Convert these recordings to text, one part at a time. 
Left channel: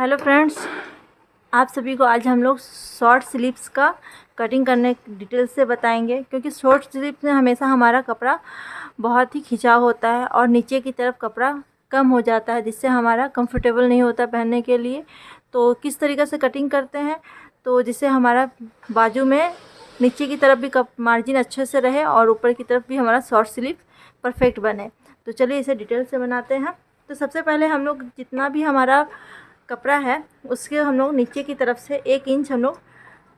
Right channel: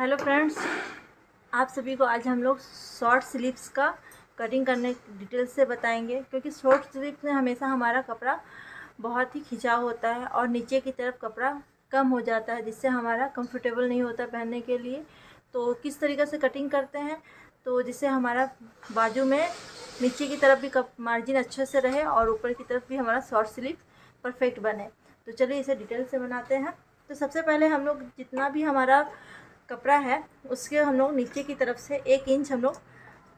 Hello friends, आप सभी को आज हम लोग शॉर्ट स्लीव्स का कटिंग करने डिटेल से बताएंगे। क्योंकि शॉर्ट स्लीव्स में हमेशा हमारा कपड़ा बहुत ही खिंचाव होता है और नीचे की तरफ कपड़ा कम हो जाता है, जिससे हमारा कंफर्टेबल नहीं होता पहनने के लिए। तो किस तरीक़े से कटिंग करते हैं तो जिससे हमारा बाजू में नीचे की तरफ भी मार्जिन अच्छे से रहे और ऊपर की तरफ भी हमारा शॉर्ट स्लीव परफेक्ट बने। तो चलिए इसे डिटेल से बनाते हैं। तो सबसे पहले हम लोग जितना भी हमारा कपड़ा है उसके हम लोग नीचे की तरफ से 1 इंच हम लोग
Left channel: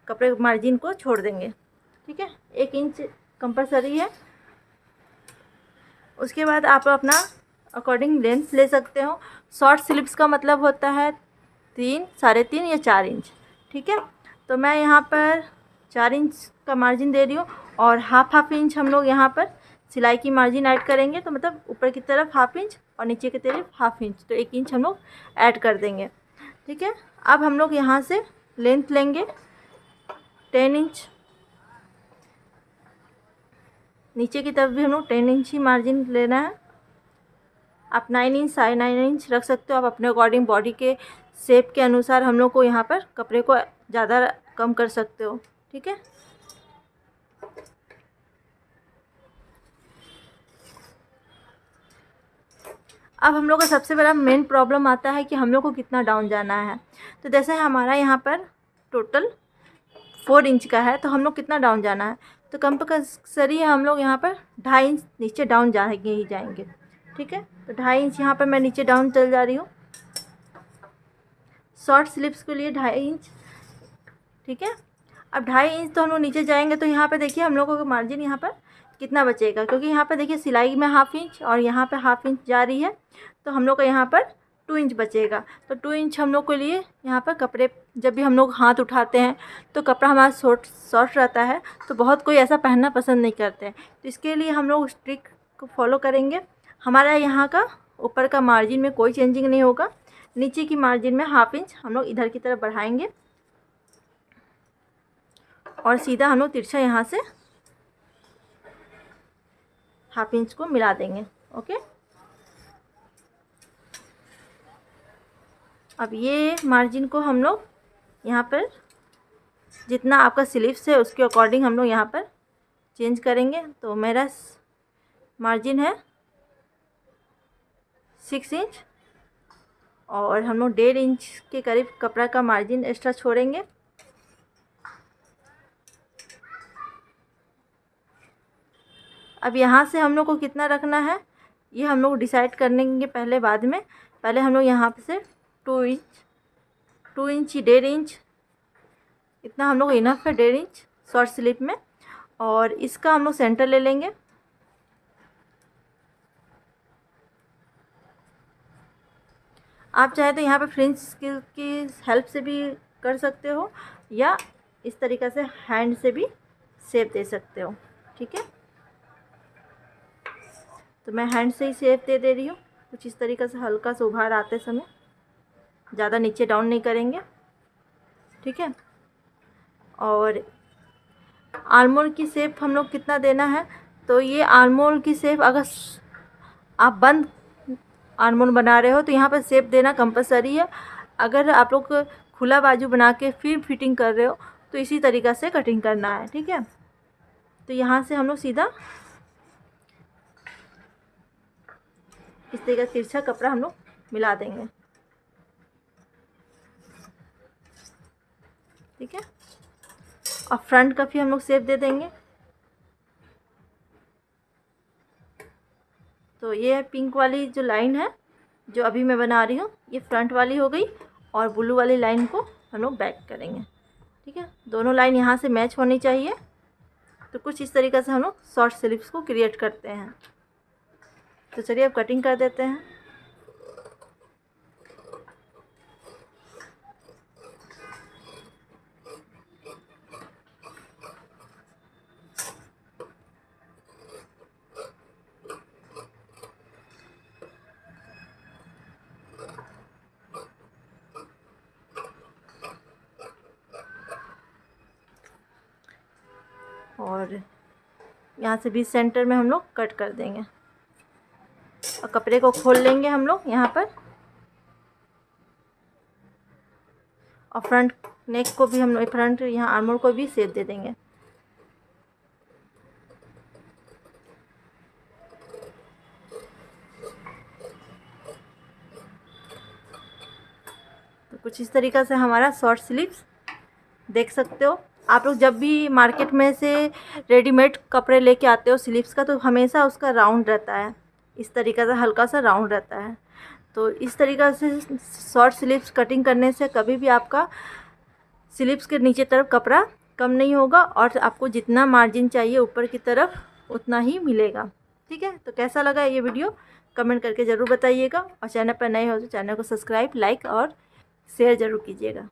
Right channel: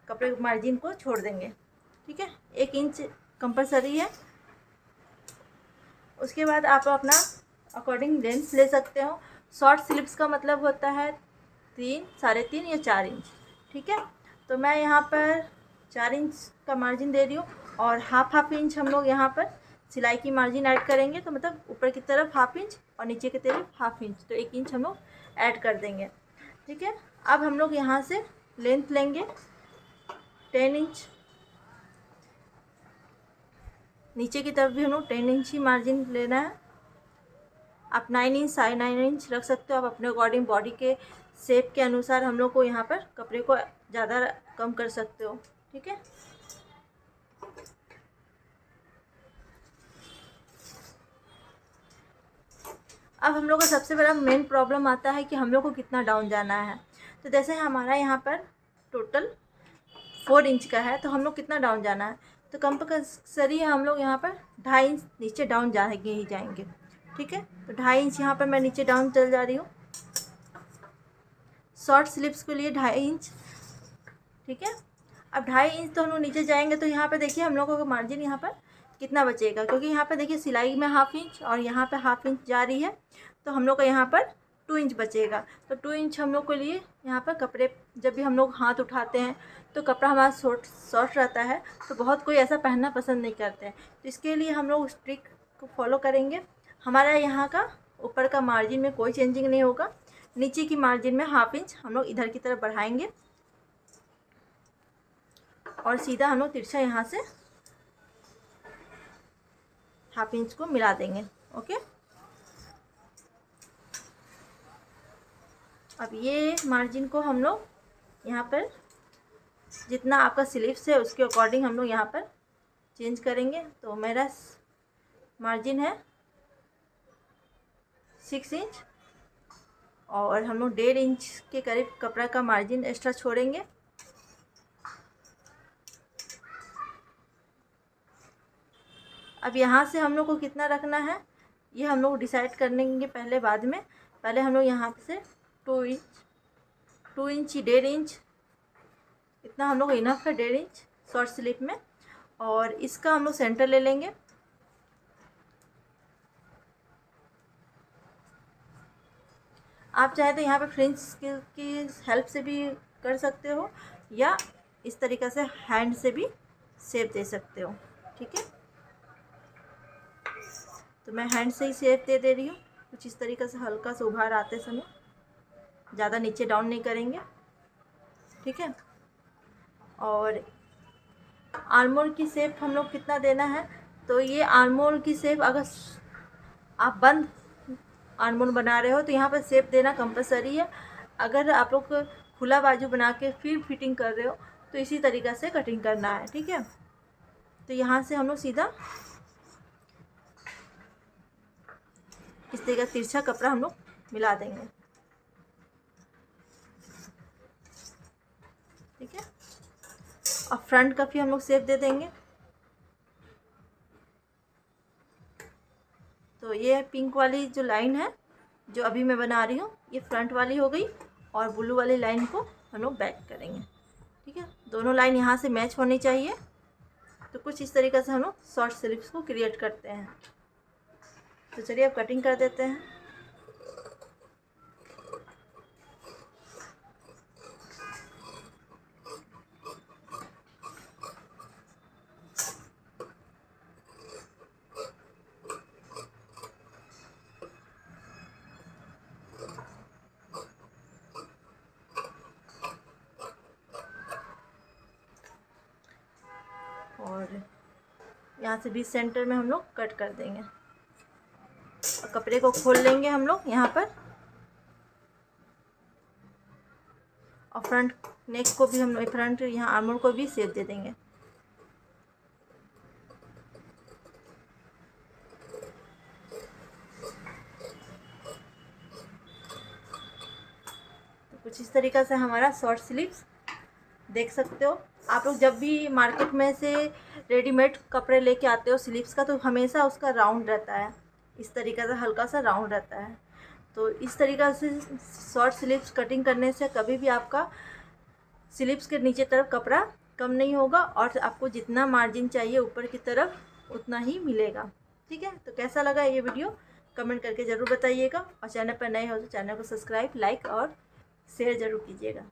कपड़े मार्जिन को छोड़ देंगे। ठीक है, 1 इंच कंपलसरी है। उसके बाद आप अपना अकॉर्डिंग लेंथ ले सकते हो। शॉर्ट स्लीव्स का मतलब होता है 3, 3.5 या 4 इंच। ठीक है, तो मैं यहाँ पर 4 इंच का मार्जिन दे रही हूँ और हाफ इंच हम लोग यहाँ पर सिलाई की मार्जिन ऐड करेंगे। तो मतलब ऊपर की तरफ हाफ इंच और नीचे की तरफ हाफ इंच, तो 1 इंच हम लोग ऐड कर देंगे। ठीक है, अब हम लोग यहाँ से लेंथ लेंगे 10 इंच। नीचे की तरफ भी हम लोग 10 इंच ही मार्जिन लेना है। आप 9 इंच 9.5 इंच रख सकते हो, आप अपने अकॉर्डिंग बॉडी के शेप के अनुसार हम लोग को यहाँ पर कपड़े को ज़्यादा कम कर सकते हो। ठीक है, अब हम लोग का सबसे बड़ा मेन प्रॉब्लम आता है कि हम लोग को कितना डाउन जाना है। तो जैसे हमारा यहाँ पर टोटल 4 इंच का है, तो हम लोग कितना डाउन जाना है, तो कंपल्सरी है हम लोग यहाँ पर 2.5 इंच नीचे डाउन जाएंगे ही जाएंगे। ठीक है, तो 2.5 इंच यहाँ पर मैं नीचे डाउन चल जा रही हूँ शॉर्ट स्लीव्स के लिए 2.5 इंच। ठीक है, अब 2.5 इंच तो हम लोग नीचे जाएंगे, तो यहाँ पे देखिए हम लोगों का मार्जिन यहाँ पर कितना बचेगा। क्योंकि यहाँ पर देखिए सिलाई में हाफ इंच और यहाँ पे हाफ इंच जा रही है, तो हम लोग का यहाँ पर 2 इंच बचेगा। तो 2 इंच हम लोग के लिए यहाँ पर कपड़े जब भी हम लोग हाथ उठाते हैं तो कपड़ा हमारा शॉर्ट रहता है, तो बहुत कोई ऐसा पहनना पसंद नहीं करते हैं। तो इसके लिए हम लोग उस ट्रिक को फॉलो करेंगे। हमारा यहाँ का ऊपर का मार्जिन में कोई चेंजिंग नहीं होगा। नीचे की मार्जिन में हाफ इंच हम लोग इधर की तरफ बढ़ाएंगे और सीधा हम लोग तिरछा यहाँ से हाफ इंच को मिला देंगे। ओके, अब ये मार्जिन को हम लोग यहाँ पर जितना आपका स्लीव्स है उसके अकॉर्डिंग हम लोग यहाँ पर चेंज करेंगे। तो मेरा मार्जिन है 6 इंच और हम लोग 1.5 इंच के करीब कपड़ा का मार्जिन एक्स्ट्रा छोड़ेंगे। अब यहाँ से हम लोग को कितना रखना है ये हम लोग डिसाइड करेंगे पहले, बाद में। पहले हम लोग यहाँ से 2 इंच 1.5 इंच इतना हम लोग इनफ है, 1.5 इंच शॉर्ट स्लीव में। और इसका हम लोग सेंटर ले लेंगे। आप चाहे तो यहाँ पे फ्रिंज की हेल्प से भी कर सकते हो या इस तरीक़े से हैंड से भी शेप दे सकते हो। ठीक है, तो मैं हैंड से ही शेप दे रही हूँ कुछ इस तरीक़े से, हल्का सा उभार आते समय, ज़्यादा नीचे डाउन नहीं करेंगे। ठीक है, और आर्मोल की शेप हम लोग कितना देना है, तो ये आर्मोल की शेप अगर आप बंद आर्मोल बना रहे हो तो यहाँ पर शेप देना कंपलसरी है। अगर आप लोग खुला बाजू बना के फिर फिटिंग कर रहे हो तो इसी तरीक़े से कटिंग करना है। ठीक है, तो यहाँ से हम लोग सीधा इस तरीके का तिरछा कपड़ा हम लोग मिला देंगे। ठीक है, और फ्रंट का भी हम लोग शेप दे देंगे। तो ये पिंक वाली जो लाइन है जो अभी मैं बना रही हूँ ये फ्रंट वाली हो गई और ब्लू वाली लाइन को हम लोग बैक करेंगे। ठीक है, दोनों लाइन यहाँ से मैच होनी चाहिए। तो कुछ इस तरीक़े से हम लोग शॉर्ट स्लीव्स को क्रिएट करते हैं। तो चलिए अब कटिंग कर देते हैं। और यहाँ से बीच सेंटर में हम लोग कट कर देंगे और कपड़े को खोल लेंगे हम लोग यहाँ पर। और फ्रंट नेक को भी हम फ्रंट यहाँ आर्मर को भी शेप दे देंगे। तो कुछ इस तरीक़ा से हमारा शॉर्ट स्लीव्स देख सकते हो। आप लोग जब भी मार्केट में से रेडीमेड कपड़े लेके आते हो स्लीव्स का, तो हमेशा उसका राउंड रहता है, इस तरीक़े से हल्का सा राउंड रहता है। तो इस तरीक़े से शॉर्ट स्लीव्स कटिंग करने से कभी भी आपका स्लीव्स के नीचे तरफ कपड़ा कम नहीं होगा और आपको जितना मार्जिन चाहिए ऊपर की तरफ उतना ही मिलेगा। ठीक है, तो कैसा लगा ये वीडियो कमेंट करके ज़रूर बताइएगा, और चैनल पर नए हो तो चैनल को सब्सक्राइब, लाइक और शेयर ज़रूर कीजिएगा।